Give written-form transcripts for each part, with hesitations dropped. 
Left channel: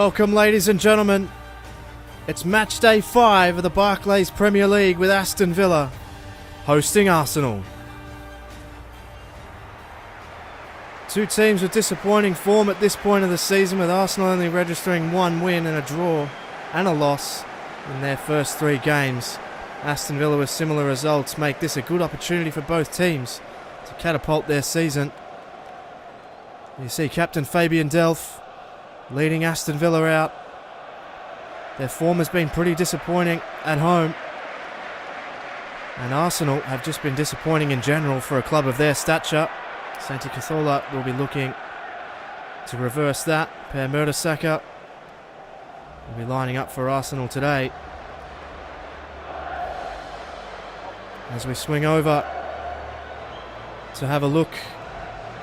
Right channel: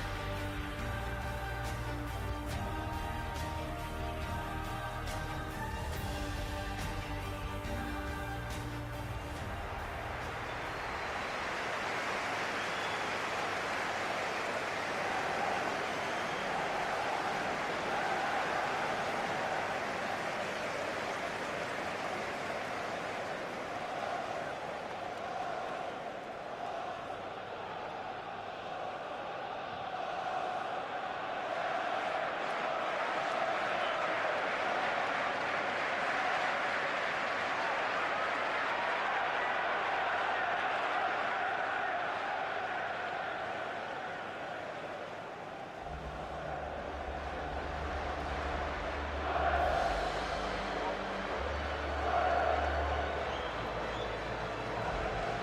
Welcome, ladies and gentlemen. It's match day 5 of the Barclays Premier League with Aston Villa hosting Arsenal. Two teams with disappointing form at this point of the season, with Arsenal only registering one win and a draw and a loss in their first 3 games. Aston Villa with similar results make this a good opportunity for both teams to catapult their season. You see Captain Fabian Delph leading Aston Villa out. Their form has been pretty disappointing at home, and Arsenal have just been disappointing in general for a club of their stature. Santi Cazorla will be looking to reverse that. Per Mertesacker will be lining up for Arsenal today. As we swing over to have a look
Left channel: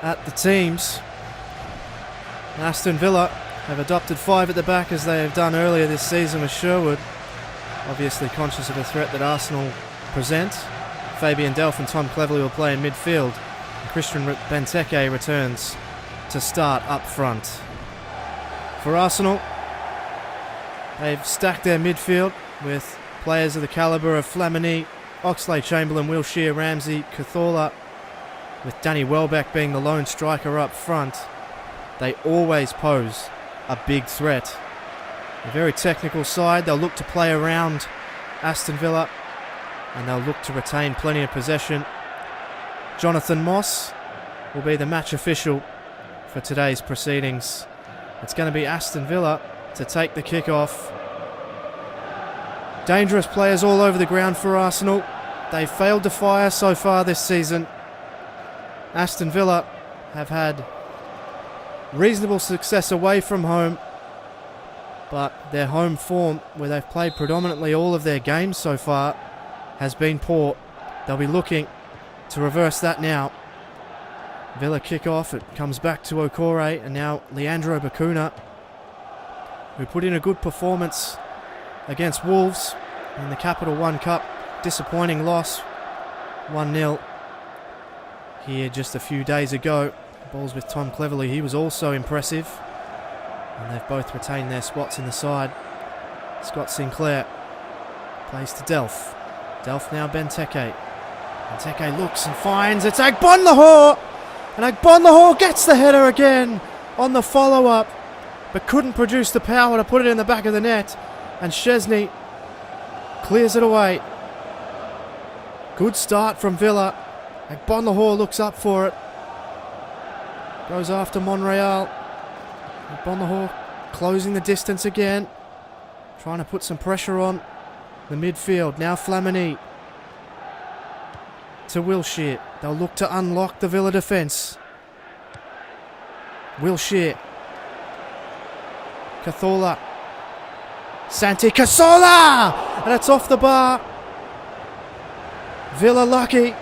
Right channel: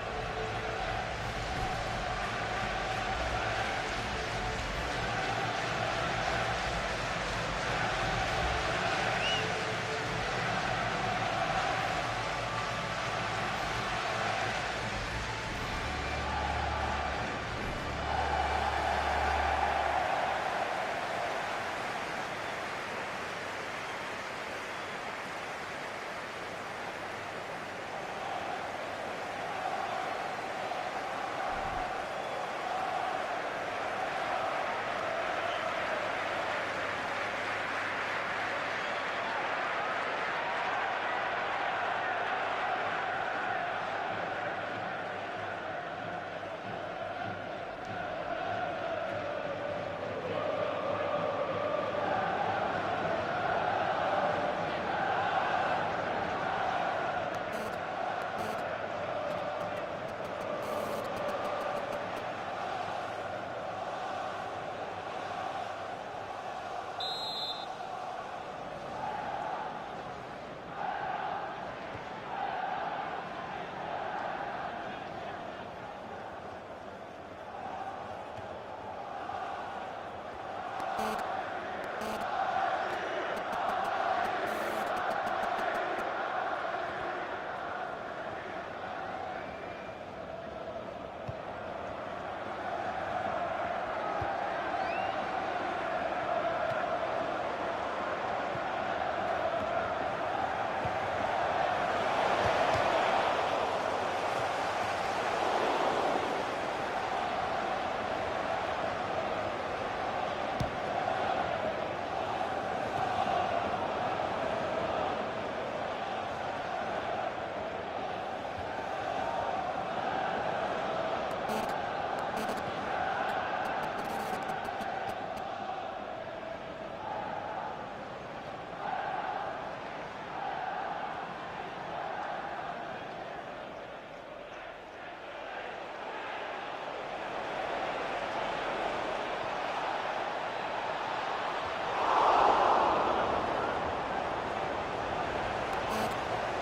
at the teams, Aston Villa have adopted 5 at the back, as they have done earlier this season with Sherwood, obviously conscious of the threat that Arsenal present. Fabian Delph and Tom Cleverley will play in midfield. Christian Benteke returns to start up front. For Arsenal, they've stacked their midfield with players of the calibre of Flamini, Oxlade-Chamberlain, Wilshere, Ramsey, Cazorla, with Danny Welbeck being the lone striker up front. They always pose a big threat. A very technical side. They'll look to play around Aston Villa, and they'll look to retain plenty of possession. Jonathan Moss will be the match official for today's proceedings. It's going to be Aston Villa to take the kick-off. Dangerous players all over the ground for Arsenal. They've failed to fire so far this season. Aston Villa have had reasonable success away from home, but their home form, where they've played predominantly all of their games so far, has been poor. They'll be looking to reverse that now. Villa kick off, it comes back to Okore, and now Leandro Bacuna, who put in a good performance against Wolves in the Capital One Cup. Disappointing loss, 1-0 here just a few days ago. Balls with Tom Cleverley, he was also impressive, and they've both retained their spots in the side. Scott Sinclair plays to Delph. Delph now Benteke. Benteke looks and finds, it's Agbonlahor, and Agbonlahor gets the header again on the follow-up, but couldn't produce the power to put it in the back of the net, and Szczesny clears it away. Good start from Villa. Agbonlahor looks up for it. Goes after Monreal. Agbonlahor closing the distance again. Trying to put some pressure on the midfield. Now Flamini to Wilshere. They'll look to unlock the Villa defence. Wilshere. Cazorla. Santi Cazorla! And it's off the bar. Villa lucky.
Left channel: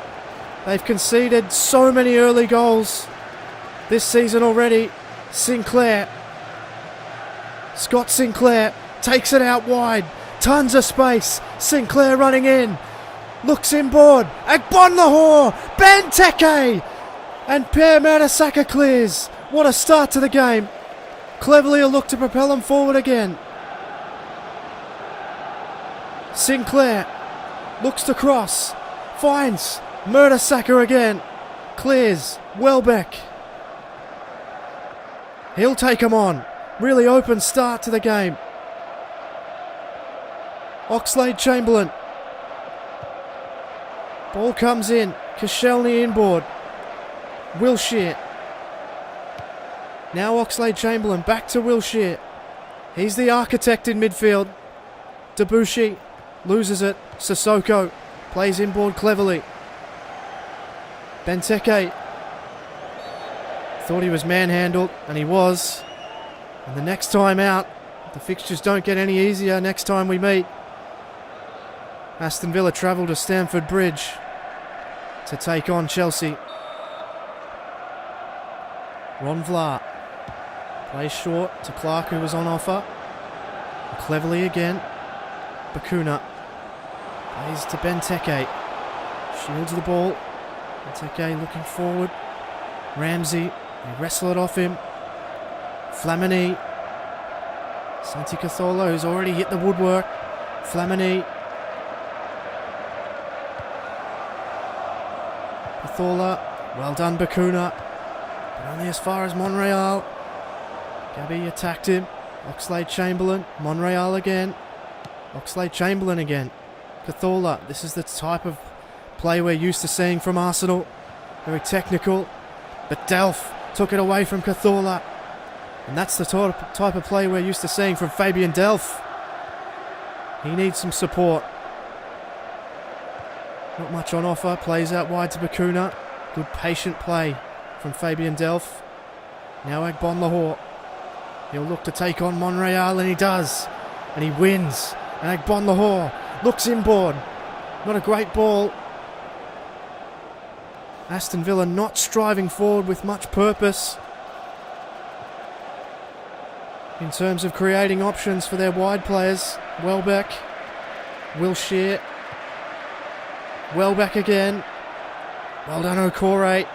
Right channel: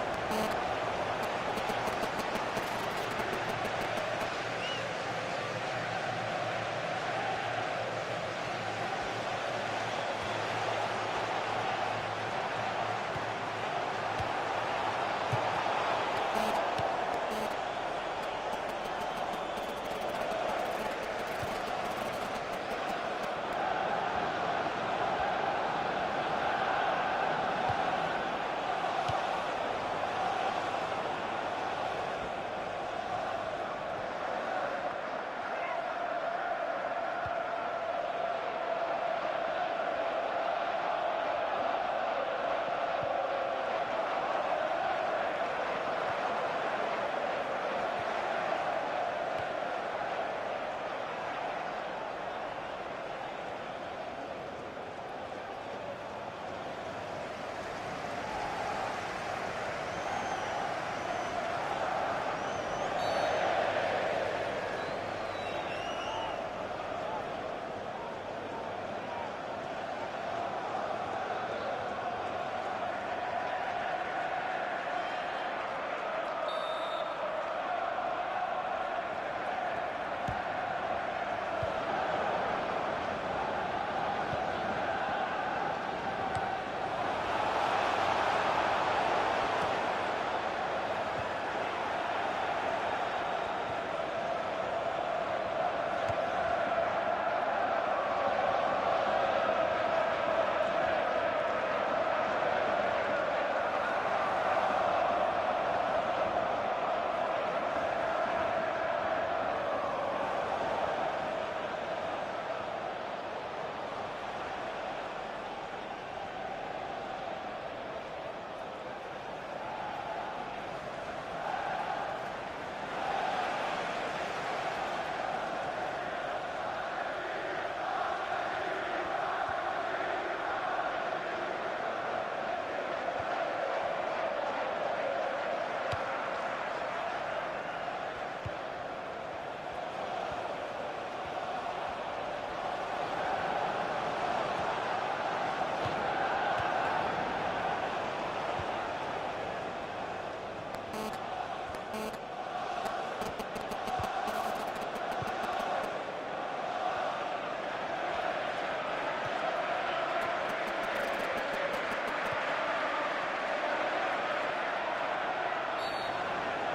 They've conceded so many early goals this season already. Sinclair. Scott Sinclair takes it out wide. Tons of space. Sinclair running in. Looks inboard. Agbonlahor. Benteke. And Per Mertesacker clears. What a start to the game. Cleverley will look to propel him forward again. Sinclair looks to cross. Finds Mertesacker again. Clears. Welbeck. He'll take him on. Really open start to the game. Oxlade-Chamberlain. Ball comes in. Koscielny inboard. Wilshere. Now Oxlade-Chamberlain back to Wilshere. He's the architect in midfield. Debuchy loses it. Sissoko plays inboard cleverly. Benteke thought he was manhandled, and he was. And the next time out, the fixtures don't get any easier next time we meet. Aston Villa travel to Stamford Bridge to take on Chelsea. Ron Vlaar plays short to Clark, who was on offer. Cleverly again. Bacuna plays to Benteke. Shields the ball. Benteke looking forward. Ramsey, they wrestle it off him. Flamini. Santi Cazorla, who's already hit the woodwork. Flamini. Cazorla. Well done, Bacuna. But only as far as Monreal. Gabby attacked him. Oxlade-Chamberlain. Monreal again. Oxlade-Chamberlain again. Cazorla. This is the type of play we're used to seeing from Arsenal. Very technical. But Delph took it away from Cazorla. And that's the type of play we're used to seeing from Fabian Delph. He needs some support. Not much on offer. Plays out wide to Bacuna. Good patient play from Fabian Delph. Now Agbonlahor. He'll look to take on Monreal, and he does. And he wins. And Agbonlahor looks inboard. Not a great ball. Aston Villa not striving forward with much purpose in terms of creating options for their wide players. Welbeck, Wilshere, Welbeck again. Well done, Okore.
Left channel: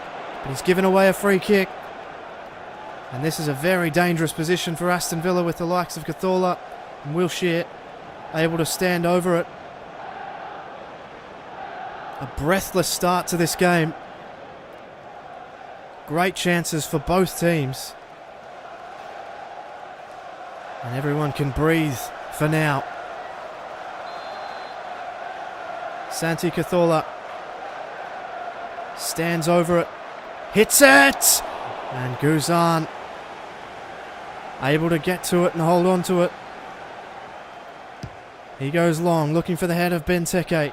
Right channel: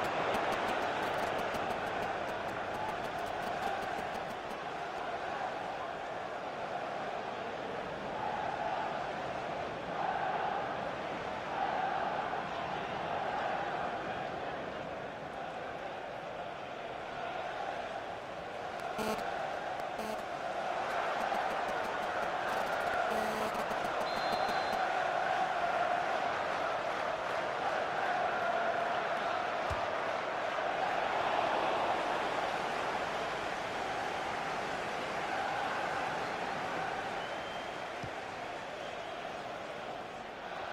He's given away a free kick. And this is a very dangerous position for Aston Villa with the likes of Cazorla and Wilshere able to stand over it. A breathless start to this game. Great chances for both teams. And everyone can breathe for now. Santi Cazorla stands over it. Hits it! And Guzan able to get to it and hold on to it. He goes long, looking for the head of Benteke,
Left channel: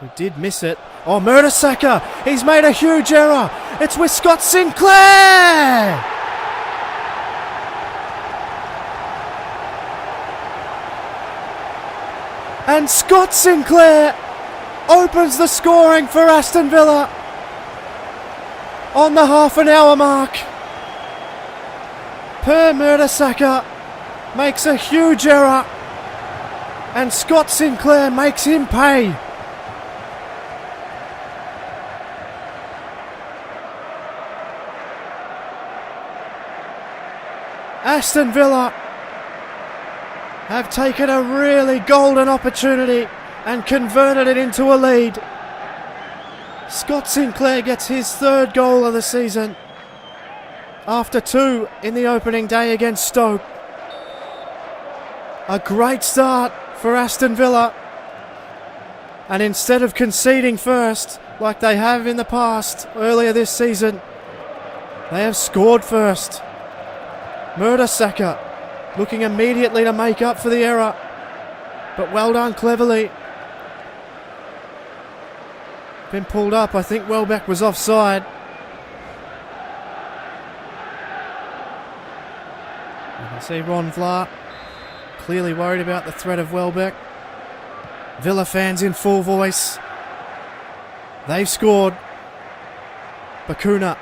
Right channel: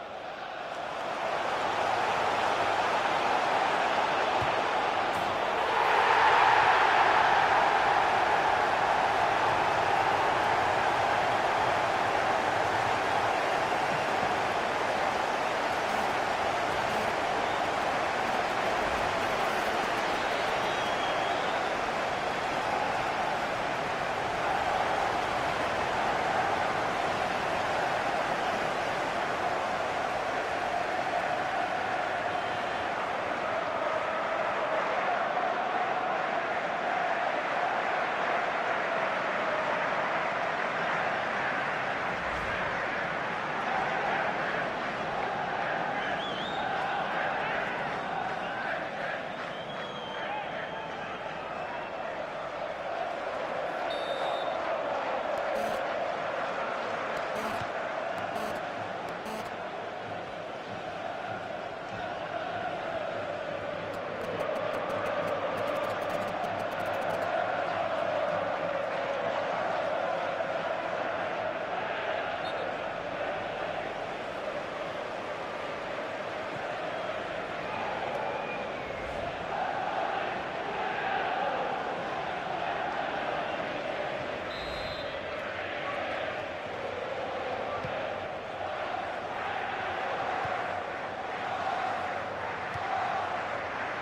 who did miss it. Oh, Mertesacker! He's made a huge error! It's with Scott Sinclair! And Scott Sinclair opens the scoring for Aston Villa on the half-an-hour mark. Per Mertesacker makes a huge error, and Scott Sinclair makes him pay. Aston Villa have taken a really golden opportunity and converted it into a lead. Scott Sinclair gets his third goal of the season after 2 in the opening day against Stoke. A great start for Aston Villa, and instead of conceding first like they have in the past earlier this season, they have scored first. Mertesacker looking immediately to make up for the error, but well done cleverly. Been pulled up. I think Welbeck was offside. You can see Ron Vlaar clearly worried about the threat of Welbeck. Villa fans in full voice. They've scored. Bacuna.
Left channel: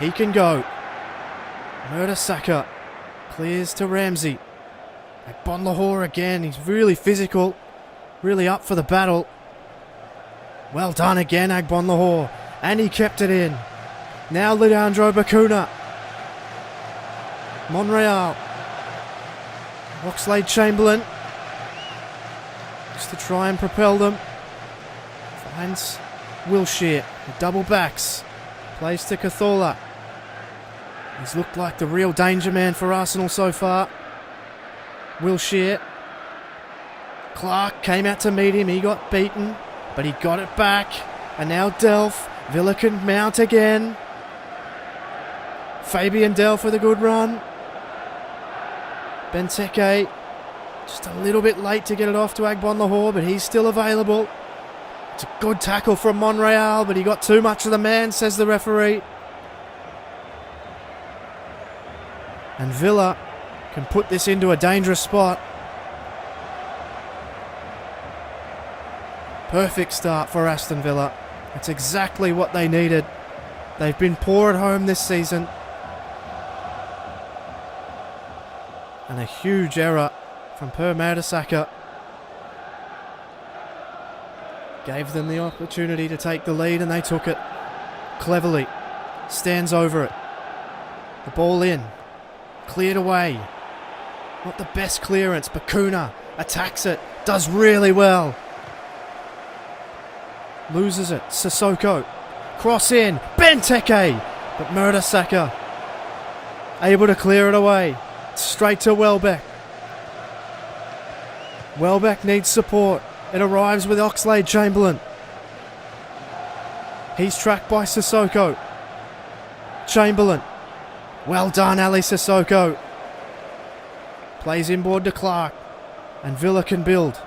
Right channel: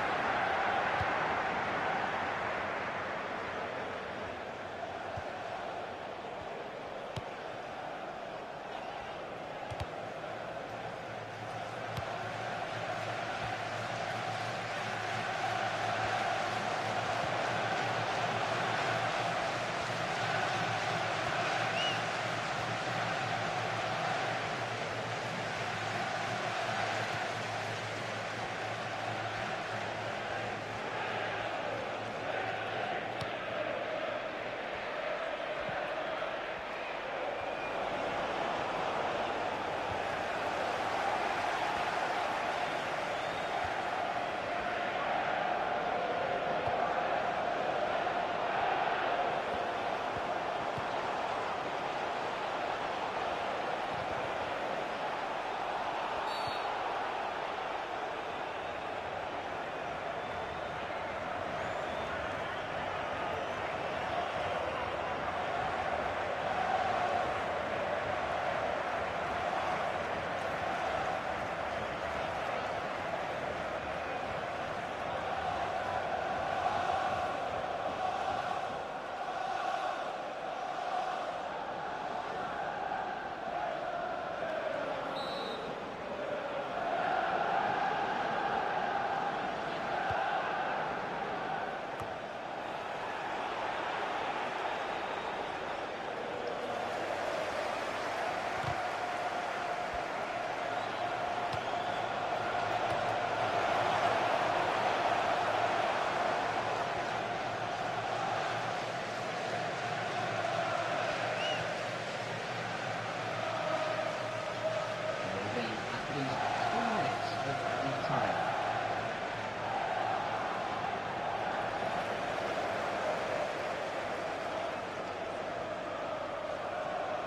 He can go. Mertesacker clears to Ramsey. Agbonlahor again. He's really physical. Really up for the battle. Well done again, Agbonlahor. And he kept it in. Now Leandro Bacuna. Monreal. Oxlade-Chamberlain. Just to try and propel them. Finds Wilshere. The double backs. Plays to Cazorla. He's looked like the real danger man for Arsenal so far. Wilshere. Clark came out to meet him. He got beaten, but he got it back. And now Delph. Villa can mount again. Fabian Delph with a good run. Benteke just a little bit late to get it off to Agbonlahor, but he's still available. It's a good tackle from Monreal, but he got too much of the man, says the referee. And Villa can put this into a dangerous spot. Perfect start for Aston Villa. It's exactly what they needed. They've been poor at home this season. And a huge error from Per Mertesacker gave them the opportunity to take the lead, and they took it cleverly. Stands over it. The ball in. cleared away. Not the best clearance. Bakuna attacks it, does really well. Loses it. Sissoko. Cross in. Benteke. But Mertesacker able to clear it away. Straight to Welbeck. Welbeck needs support. It arrives with Oxlade-Chamberlain. He's tracked by Sissoko. Chamberlain. Well done, Ali Sissoko. Plays inboard to Clark. And Villa can build.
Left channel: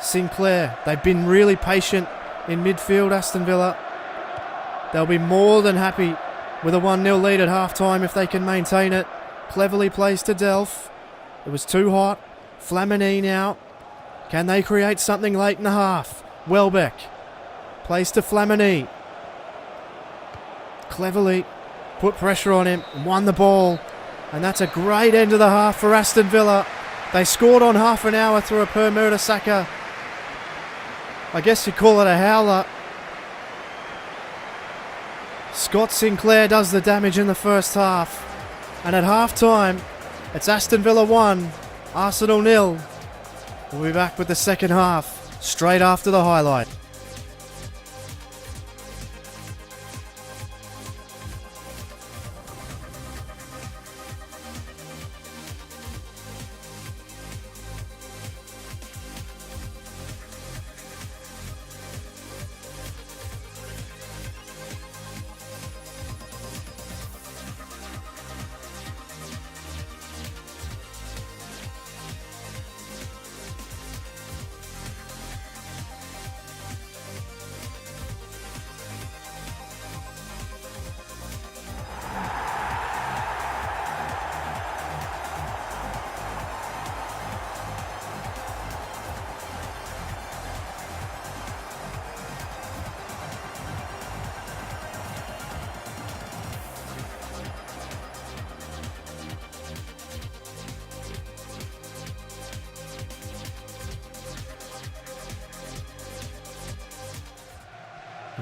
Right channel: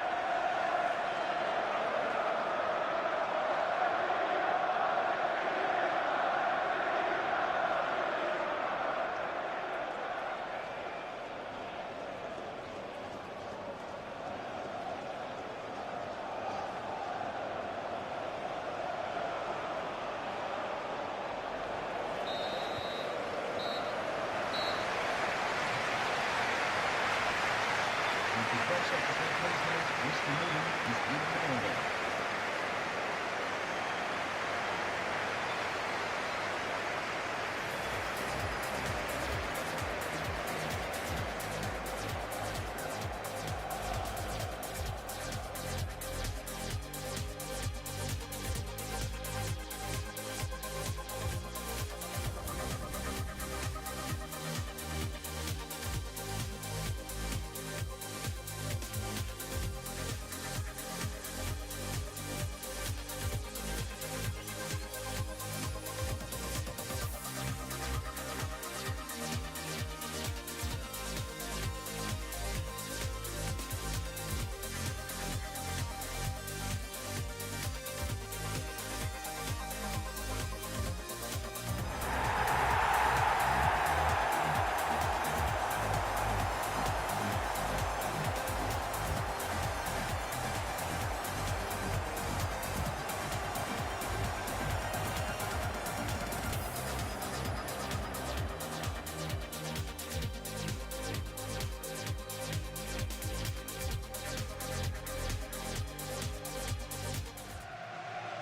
Sinclair. They've been really patient in midfield, Aston Villa. They'll be more than happy with a 1-0 lead at half-time if they can maintain it. Cleverly plays to Delph. It was too hot. Flamini now. Can they create something late in the half? Welbeck. Plays to Flamini. Cleverly put pressure on him. Won the ball. And that's a great end of the half for Aston Villa. They scored on half an hour through a Per Mertesacker. I guess you'd call it a howler. Scott Sinclair does the damage in the first half. And at half-time, it's Aston Villa 1, Arsenal 0. We'll be back with the second half, straight after the highlight.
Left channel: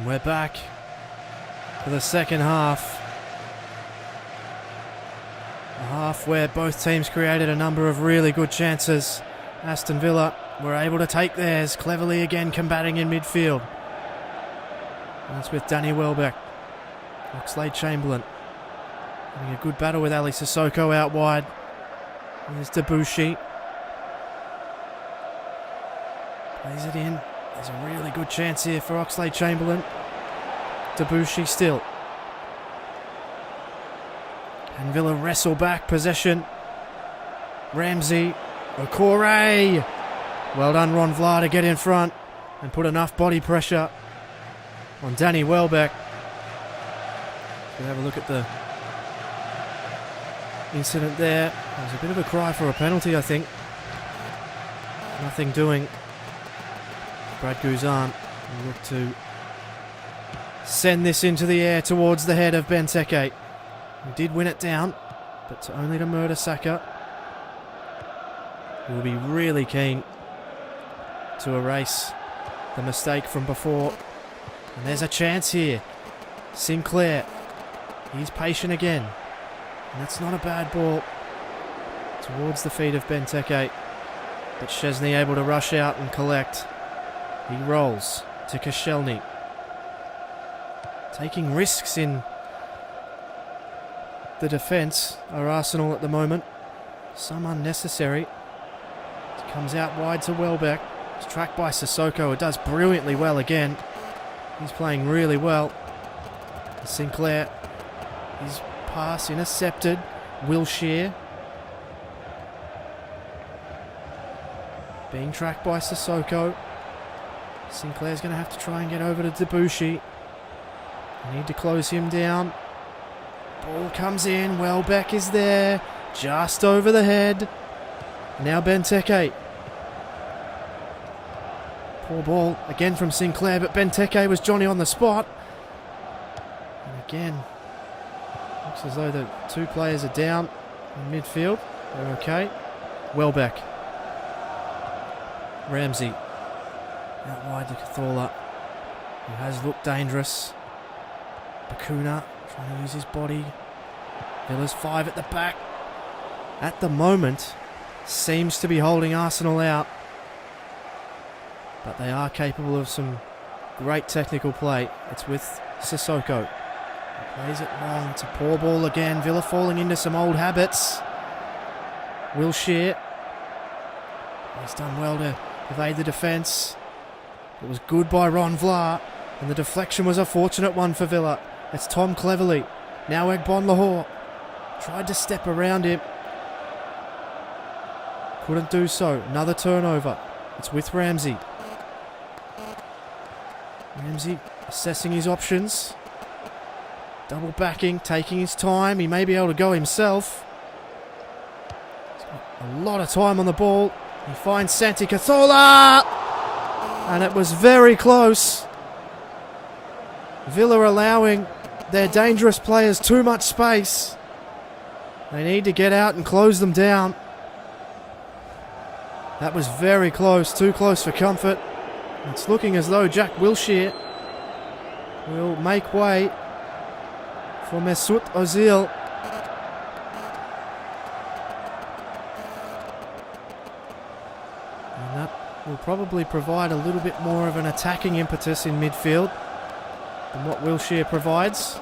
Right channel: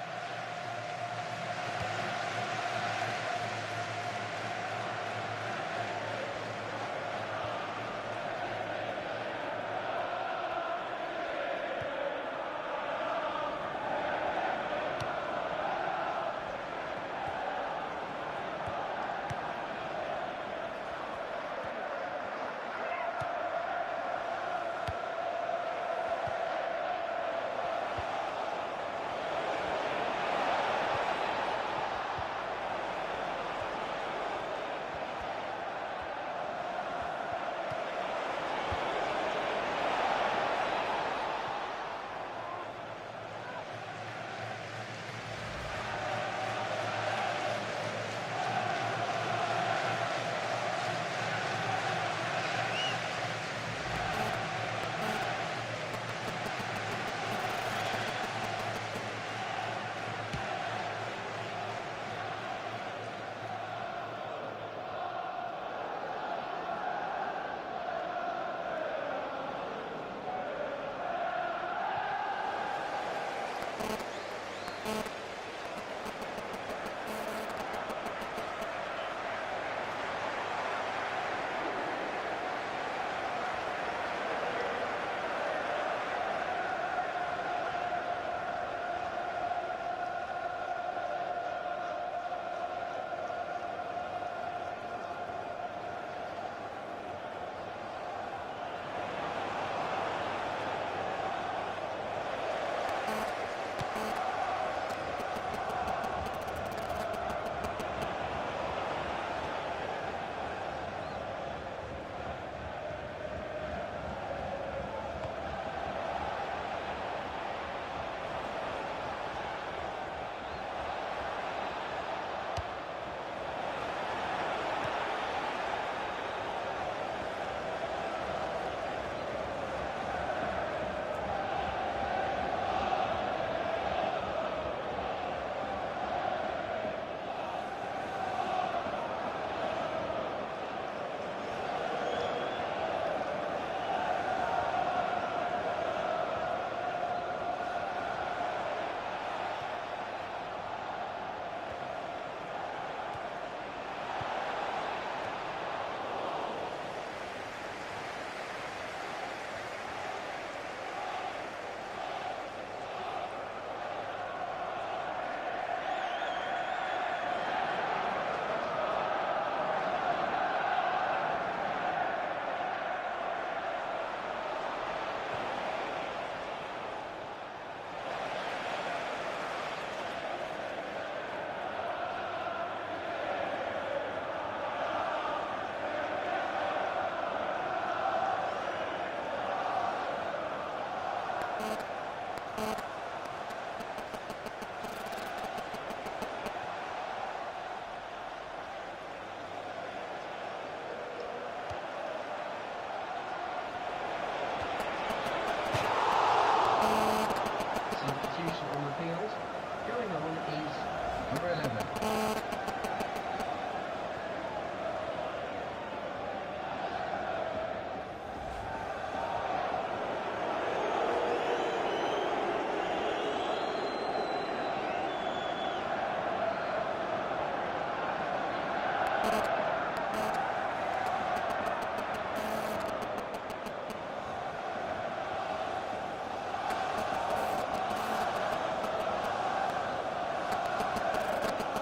And we're back for the second half. A half where both teams created a number of really good chances. Aston Villa were able to take theirs, cleverly again combating in midfield. That's with Danny Welbeck. Oxlade-Chamberlain. Having a good battle with Ali Sissoko out wide. There's Debussy. Plays it in. There's a really good chance here for Oxlade-Chamberlain. Debussy still. And Villa wrestle back possession. Ramsey. Okore. Well done, Ron Vlaar, to get in front and put enough body pressure on Danny Welbeck. We'll have a look at the incident there. There's a bit of a cry for a penalty, I think. Nothing doing. Brad Guzan will look to send this into the air towards the head of Benteke. He did win it down, but only to Mertesacker. He will be really keen to erase the mistake from before. And there's a chance here. Sinclair. He's patient again. And it's not a bad ball towards the feet of Benteke. But Szczesny able to rush out and collect. He rolls to Koscielny. Taking risks in the defence are Arsenal at the moment. Some unnecessary. It comes out wide to Welbeck. It's tracked by Sissoko. It does brilliantly well again. He's playing really well. Sinclair. His pass intercepted. Wilshere. Being tracked by Sissoko. Sinclair's going to have to try and get over to Debussy. Need to close him down. Ball comes in. Welbeck is there. Just over the head. Now Benteke. Poor ball again from Sinclair, but Benteke was Johnny on the spot. And again, looks as though the two players are down in midfield. They're okay. Welbeck. Ramsey. Out wide to Cathala, who has looked dangerous. Bakuna trying to use his body. Villa's 5 at the back. At the moment, seems to be holding Arsenal out. But they are capable of some great technical play. It's with Sissoko. Plays it long. It's a poor ball again. Villa falling into some old habits. Wilshere. He's done well to evade the defence. It was good by Ron Vlaar. And the deflection was a fortunate one for Villa. It's Tom Cleverley. Now Egbon Lahore. Tried to step around him. Couldn't do so. Another turnover. It's with Ramsey. Ramsey assessing his options. Double backing, taking his time. He may be able to go himself. A lot of time on the ball. He finds Santi Cazorla! And it was very close. Villa allowing their dangerous players too much space. They need to get out and close them down. That was very close, too close for comfort. It's looking as though Jack Wilshere will make way for Mesut Ozil. And that will probably provide a little bit more of an attacking impetus in midfield than what Wilshere provides.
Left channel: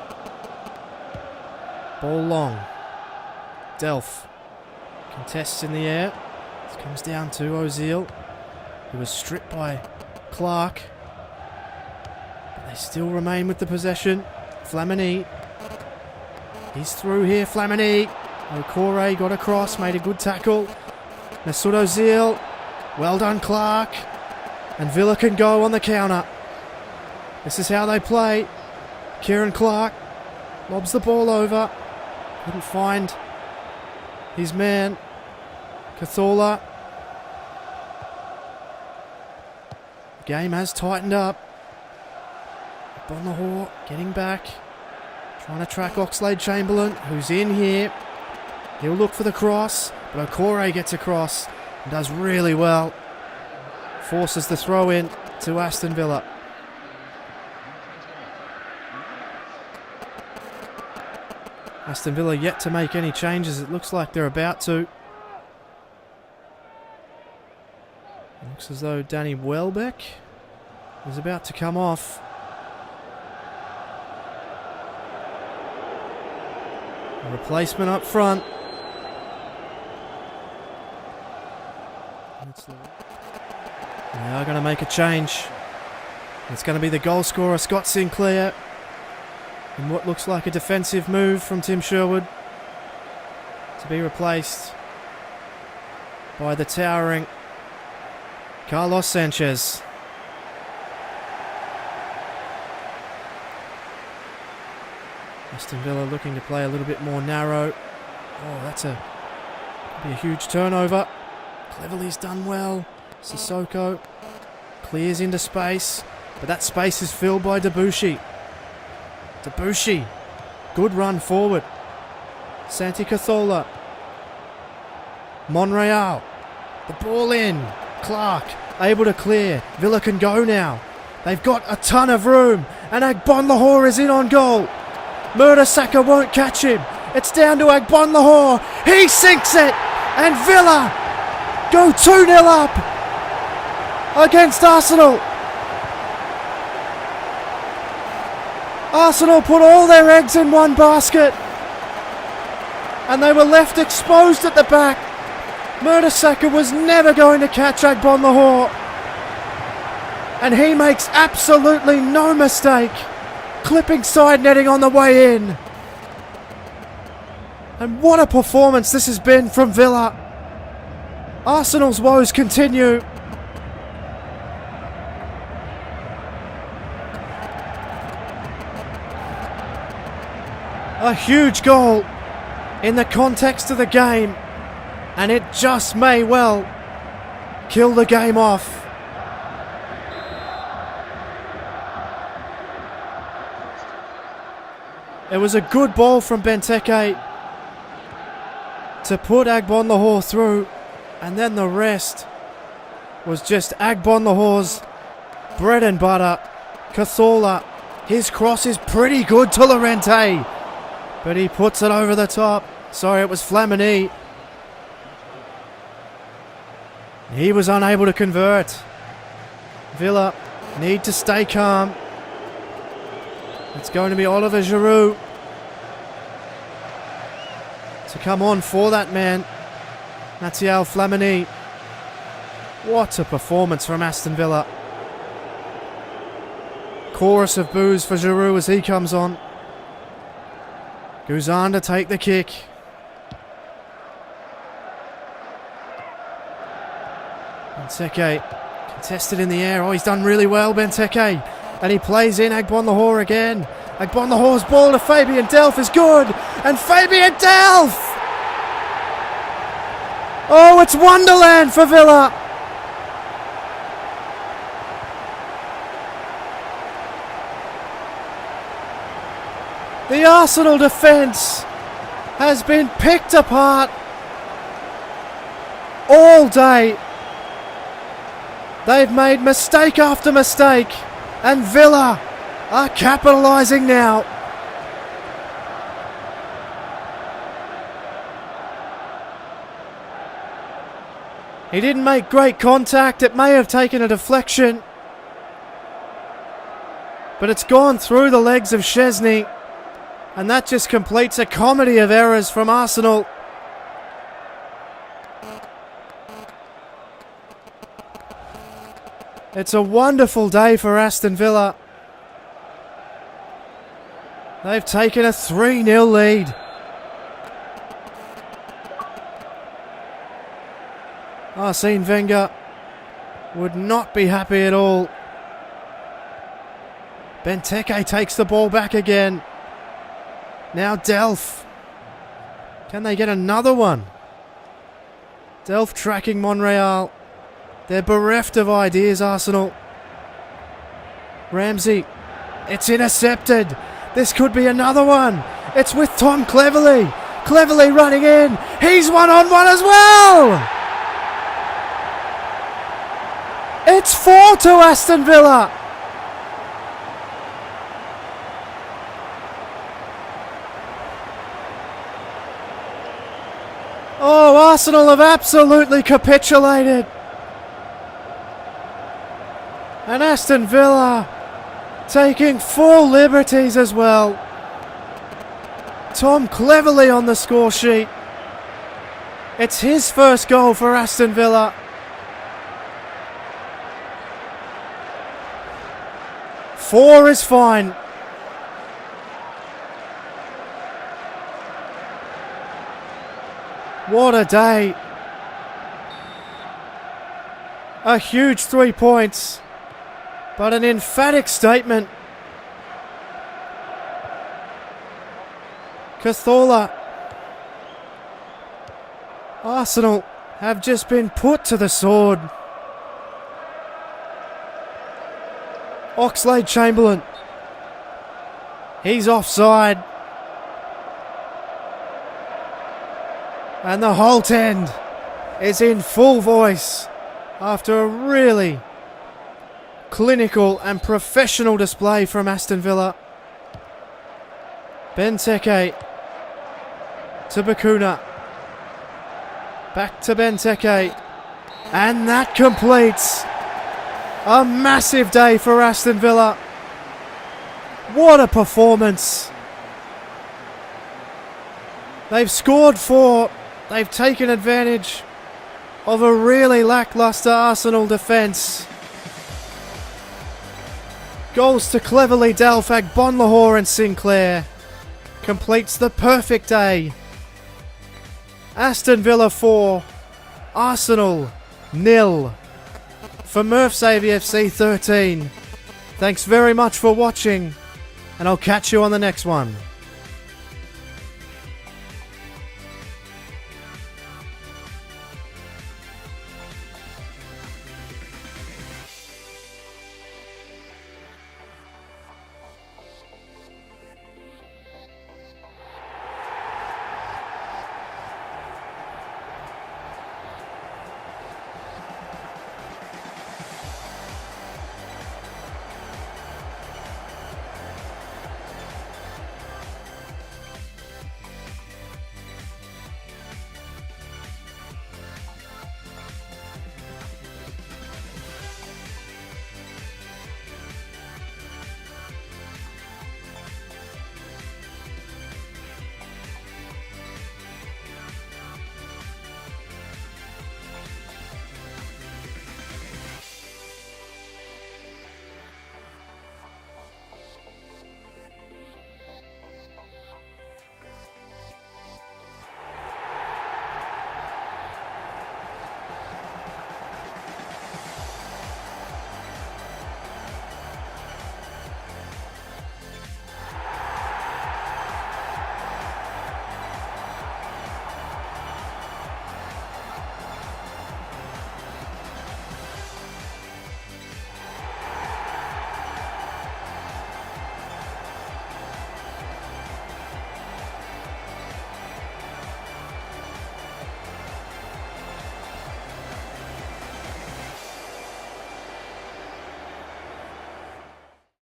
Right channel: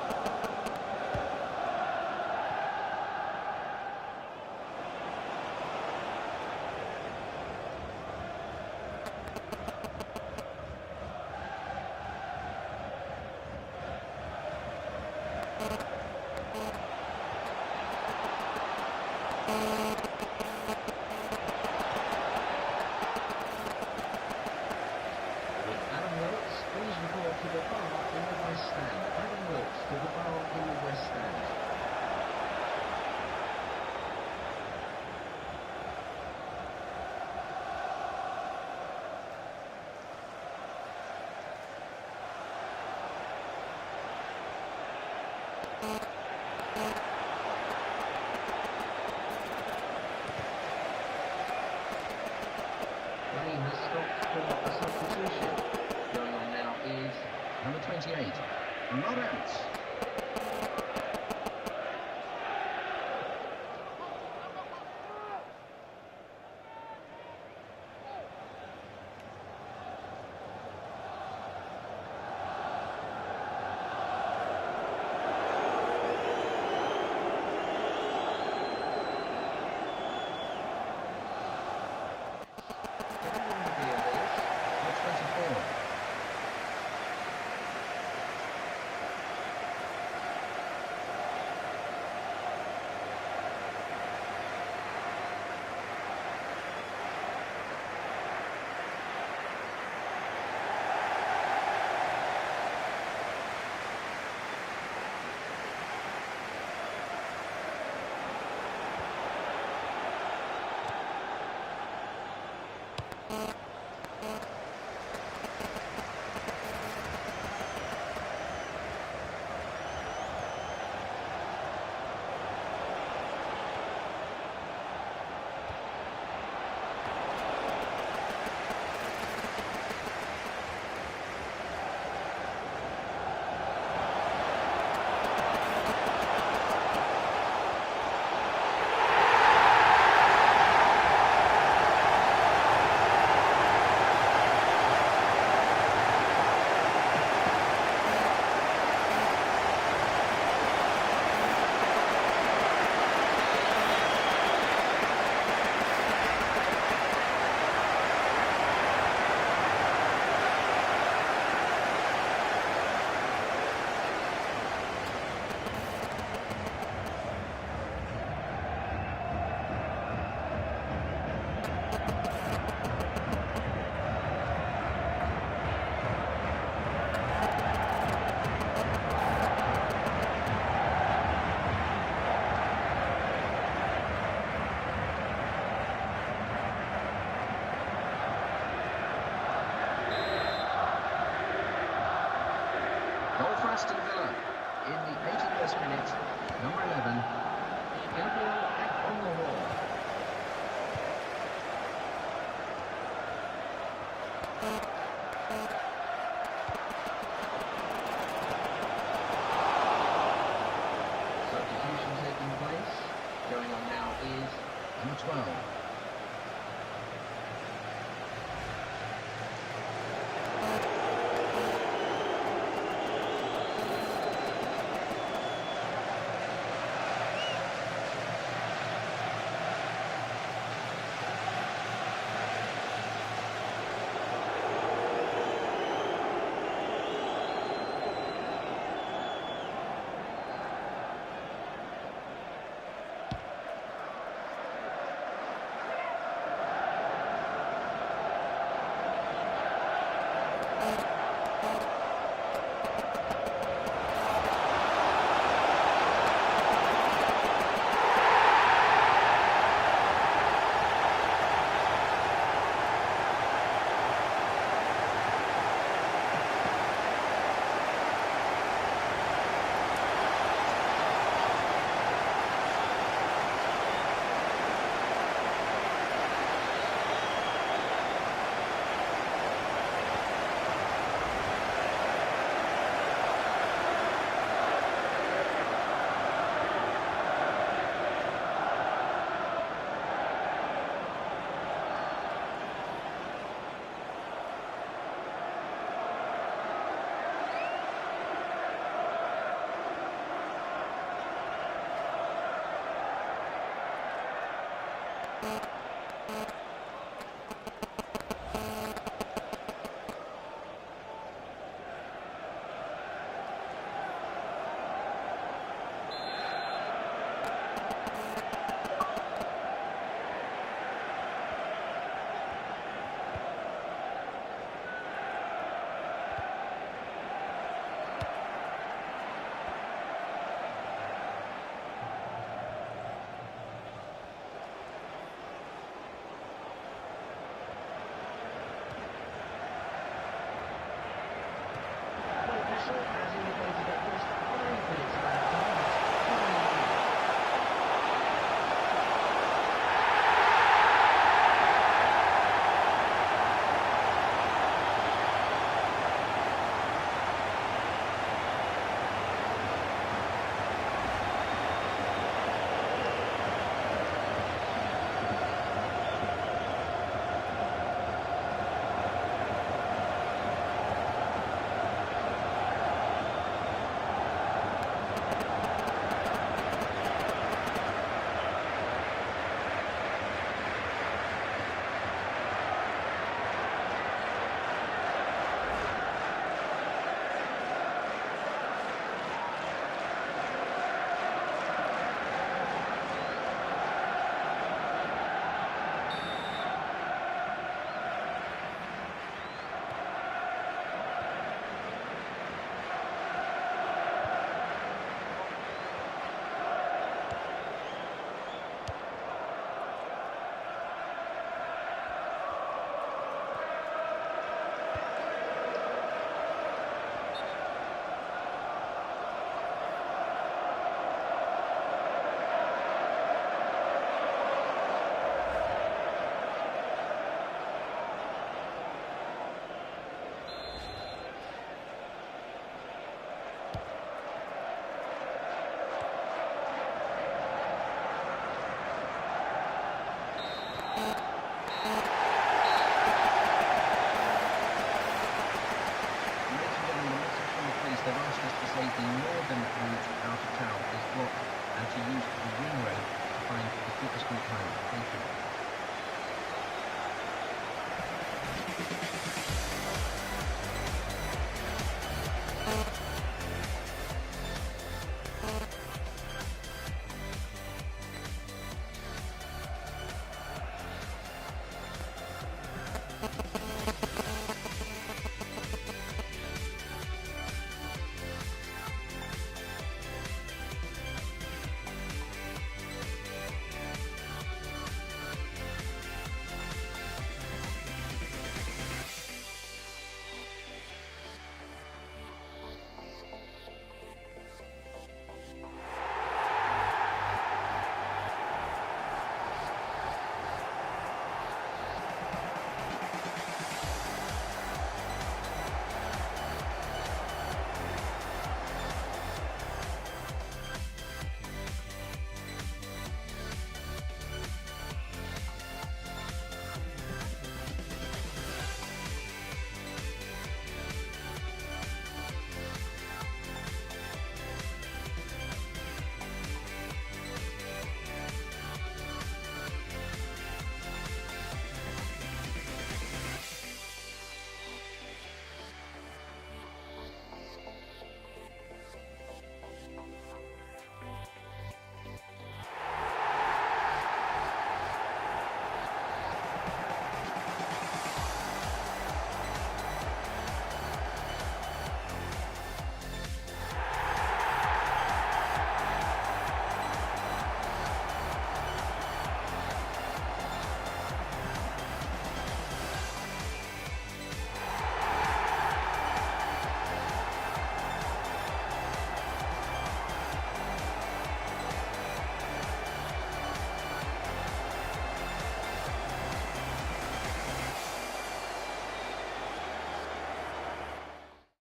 Ball long. Delph contests in the air. It comes down to Ozil, who was stripped by Clark. But they still remain with the possession. Flamini. He's through here, Flamini. Okore got across, made a good tackle. Mesut Ozil. Well done, Clark. And Villa can go on the counter. This is how they play. Kieran Clark lobs the ball over. Couldn't find his man, Cazorla. Game has tightened up. Bonahor getting back. Trying to track Oxlade-Chamberlain, who's in here. He'll look for the cross, but Okore gets across and does really well. Forces the throw in to Aston Villa. Aston Villa yet to make any changes. It looks like they're about to. Looks as though Danny Welbeck is about to come off. A replacement up front. They are going to make a change. It's going to be the goal scorer, Scott Sinclair. And what looks like a defensive move from Tim Sherwood to be replaced by the towering Carlos Sanchez. Aston Villa looking to play a little bit more narrow. Oh, that's a huge turnover. Cleverly's done well. Sissoko clears into space, but that space is filled by Debuchy. Debuchy, good run forward. Santi Cazorla. Monreal, the ball in. Clark able to clear. Villa can go now. They've got a ton of room, and Egbon Lahore is in on goal. Mertesacker won't catch him. It's down to Egbon Lahore. He sinks it, and Villa go 2-0 up against Arsenal. Arsenal put all their eggs in one basket, and they were left exposed at the back. Mertesacker was never going to catch Egbon Lahore, and he makes absolutely no mistake, clipping side netting on the way in. And what a performance this has been from Villa. Arsenal's woes continue. A huge goal in the context of the game, and it just may well kill the game off. It was a good ball from Benteke to put Egbon Lahore through, and then the rest was just Egbon Lahore's bread and butter. Cazorla, his cross is pretty good to Llorente, But he puts it over the top. Sorry, it was Flamini. He was unable to convert. Villa need to stay calm. It's going to be Oliver Giroud to come on for that man, Matthieu Flamini. What a performance from Aston Villa. Chorus of boos for Giroud as he comes on. Guzan to take the kick. Benteke contested in the air. Oh, he's done really well, Benteke. And he plays in Agbonlahor again. Agbonlahor's ball to Fabian Delph is good. And Fabian Delph! Oh, it's Wonderland for Villa. The Arsenal defence has been picked apart all day. They've made mistake after mistake, and Villa are capitalising now. He didn't make great contact. It may have taken a deflection, but it's gone through the legs of Szczesny. And that just completes a comedy of errors from Arsenal. It's a wonderful day for Aston Villa. They've taken a 3-0 lead. Arsene Wenger would not be happy at all. Benteke takes the ball back again. Now Delph. Can they get another one? Delph tracking Monreal. They're bereft of ideas, Arsenal. Ramsey. It's intercepted. This could be another one. It's with Tom Cleverley. Cleverley running in. He's one-on-one as well. It's 4 to Aston Villa. Oh, Arsenal have absolutely capitulated. And Aston Villa taking full liberties as well. Tom Cleverley on the score sheet. It's his first goal for Aston Villa. Four is fine. What a day. A huge 3 points, but an emphatic statement. Cazorla. Arsenal have just been put to the sword. Oxlade-Chamberlain. He's offside. And the Holte End is in full voice after a really clinical and professional display from Aston Villa. Benteke to Bakuna. Back to Benteke. And that completes a massive day for Aston Villa. What a performance. They've scored 4. They've taken advantage of a really lacklustre Arsenal defence. Goals to Cleverley, Delph, Agbonlahor and Sinclair. Completes the perfect day. Aston Villa 4, Arsenal 0. For Murph's AVFC 13. Thanks very much for watching, and I'll catch you on the next one.